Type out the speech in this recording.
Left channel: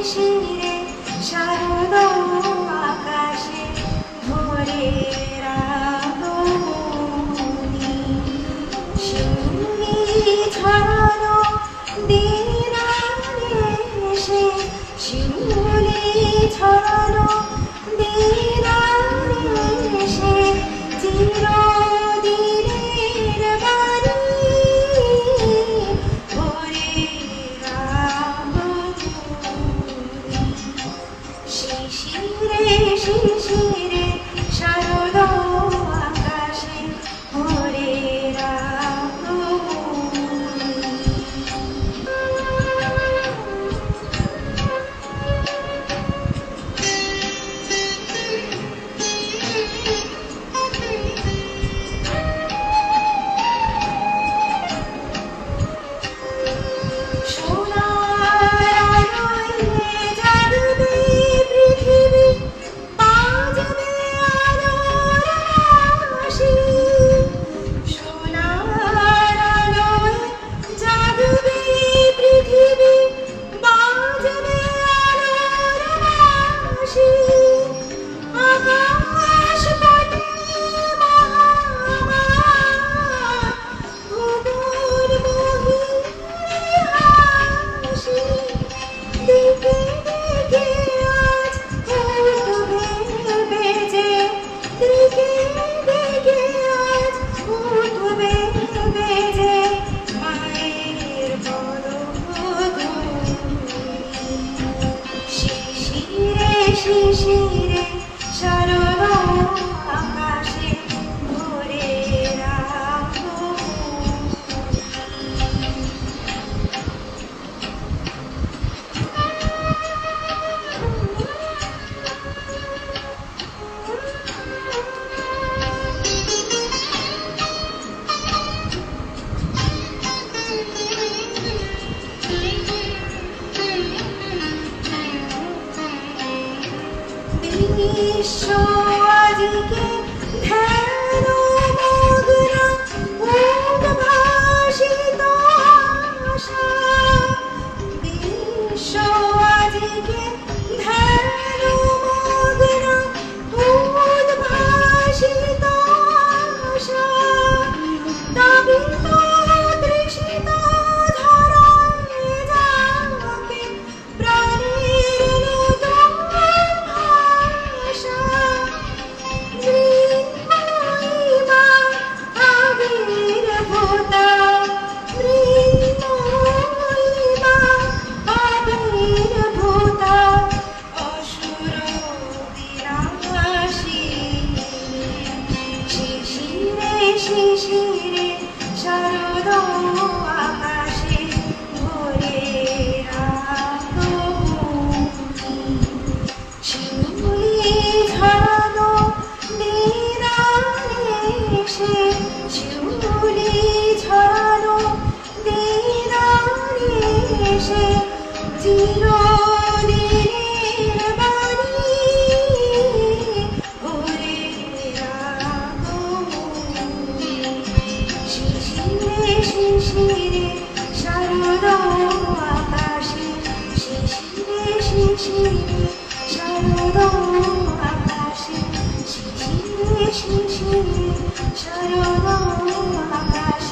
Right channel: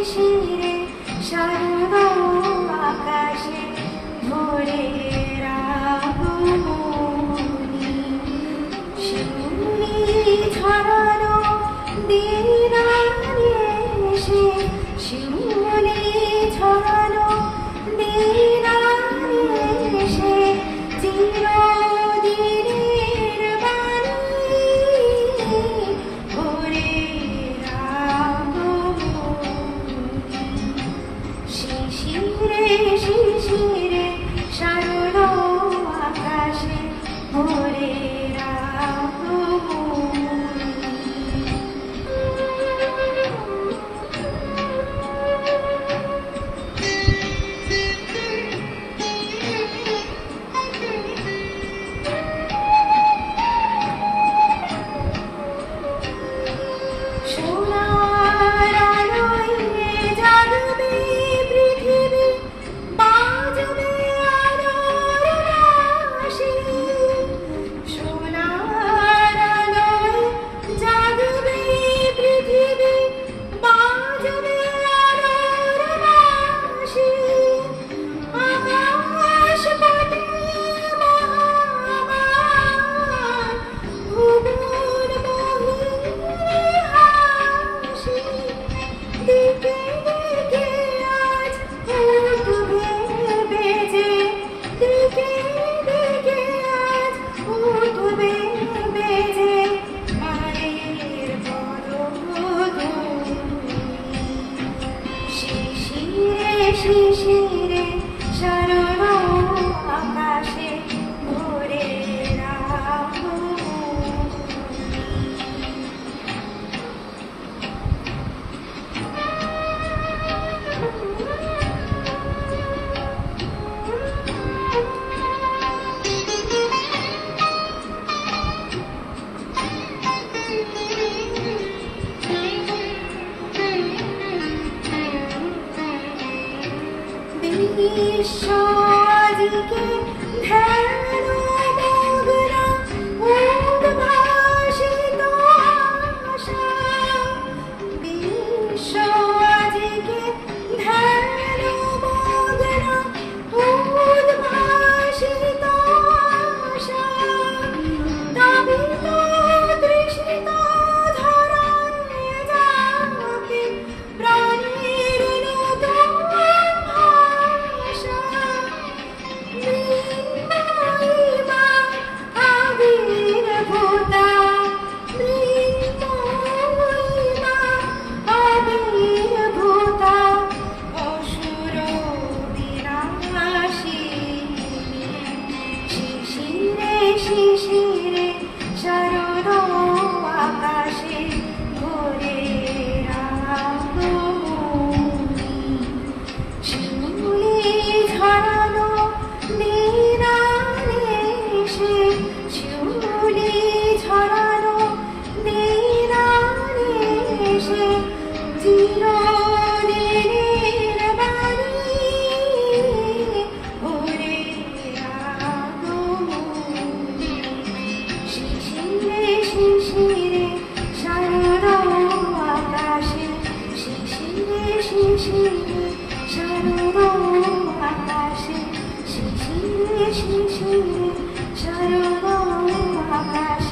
শিশিরে শারদ আকাশে ভোরের আগমনী শিউলি ছড়ানো দিন এসে শিউলি ছড়ানো দিন এসে চিরদিনের বাণী ভোরের আগমনী শিশিরে শিশিরে শারদ আকাশে ভোরের আগমনী সোনার আলোয় জাগবে পৃথিবী বাজবে আলোর বাঁশি সোনার আলোয় জাগবে পৃথিবী বাজবে আলোর বাঁশি আকাশ পথে মহামায়া ভুবন মোহিনী হাসি দিকে দিকে আজ উঠবে বেজে দিকে দিকে আজ উঠবে বেজে মায়ের পদধূলি শিশিরে শিশিরে শারদ আকাশে ভোরের আগমনী বিশ্ব আজকে ধ্যান মগ্ন উদ্ভাসিত আশা বিশ্ব আজকে ধ্যান মগ্ন উদ্ভাসিত আশা নাবিত তৃষিত ধরায় যাকে প্রাণের নতুন ভাষা মৃন্ময়ীমা আবির্ভূতা মৃন্ময়ীমা আবির্ভূতা অসুর বিনাশিনী শিশিরে শিশিরে শারদ আকাশে ভোরের আগমনী শিউলি ঝরানো দিন এসে শিউলি ঝরানো দিন এসে চিরদিনের বাণী ভোরের আগমনী শিশিরে শিশিরে শারদ আকাশে শিশিরে শিশিরে শারদ আকাশে শিশিরে শিশিরে শারদ আকাশে